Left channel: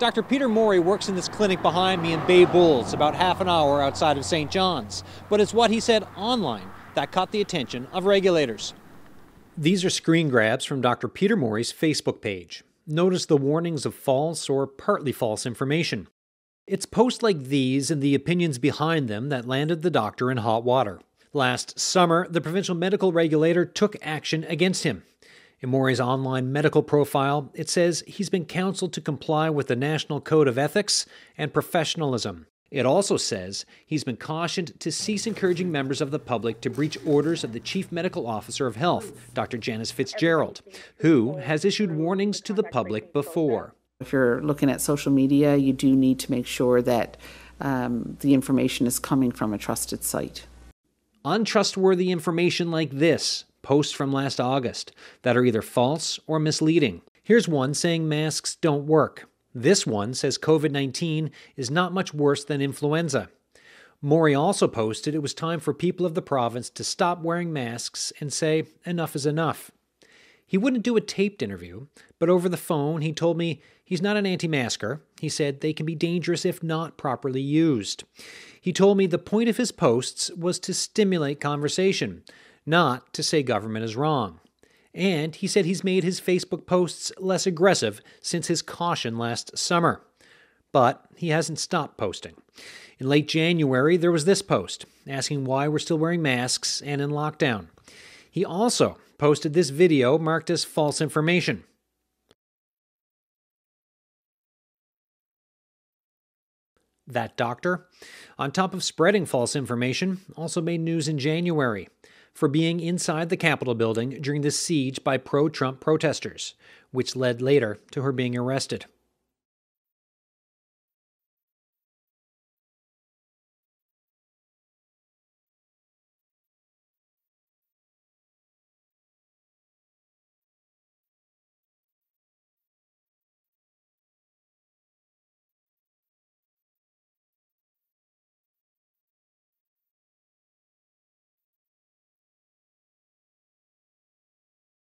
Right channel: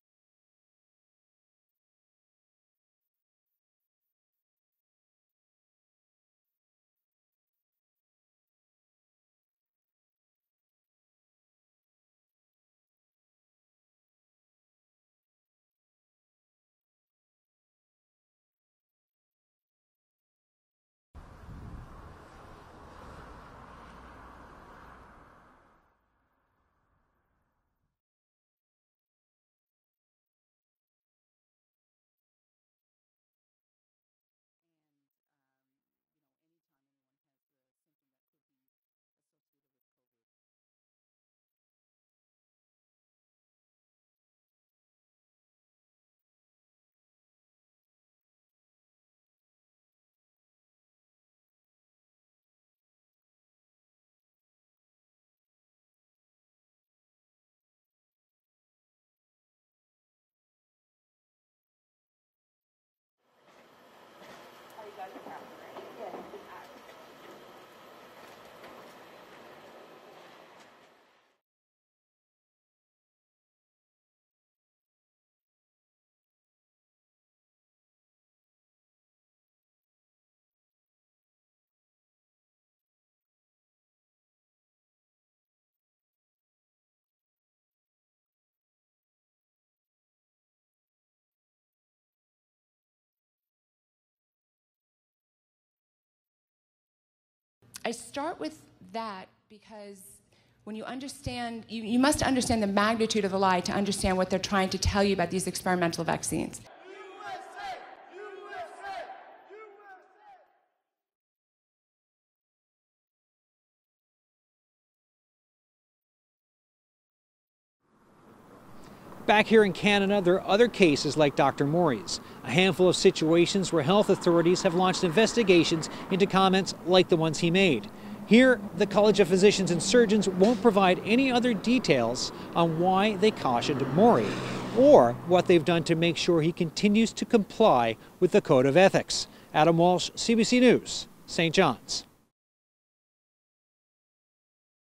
Dr. Peter Morey works in this clinic behind me in Bay Bulls, about half an hour outside of St. John's. But it's what he said online that caught the attention of regulators. These are screen grabs from Dr. Peter Morey's Facebook page. Notice the warnings of false or partly false information. It's posts like these and the opinions behind them that landed the doctor in hot water. Last summer, the provincial medical regulator took action against him. In Morey's online medical profile, it says he's been counseled to comply with the National Code of Ethics and Professionalism. It also says he's been cautioned to cease encouraging members of the public to breach orders of the Chief Medical Officer of Health, Dr. Janice Fitzgerald, who has issued warnings to the public before. If you're looking at social media, you do need to make sure that the information is coming from a trusted site. Untrustworthy information like this, posts from last August, that are either false or misleading. Here's one saying masks don't work. This one says COVID-19 is not much worse than influenza. Morey also posted it was time for people of the province to stop wearing masks and say enough is enough. He wouldn't do a taped interview, but over the phone he told me he's not an anti-masker. He said they can be dangerous if not properly used. He told me the point of his posts was to stimulate conversation, not to say government is wrong. And he said he's made his Facebook posts less aggressive since his caution last summer. But he hasn't stopped posting. In late January, there was this post asking why we're still wearing masks and in lockdown. He also posted this video marked as false information. You must understand the magnitude of the lie to understand what they're trying to tell you about these experimental vaccines. That doctor, on top of spreading false information, also made news in January for being inside the Capitol building during the siege by pro-Trump protesters, which led later to her being arrested. Back here in Canada, there are other cases like Dr. Morey's, a handful of situations where health authorities have launched investigations into comments like the ones he made. Here, the College of Physicians and Surgeons won't provide any other details on why they cautioned Morey or what they've done to make sure he continues to comply with the Code of Ethics. Adam Walsh, CBC News, St. John's.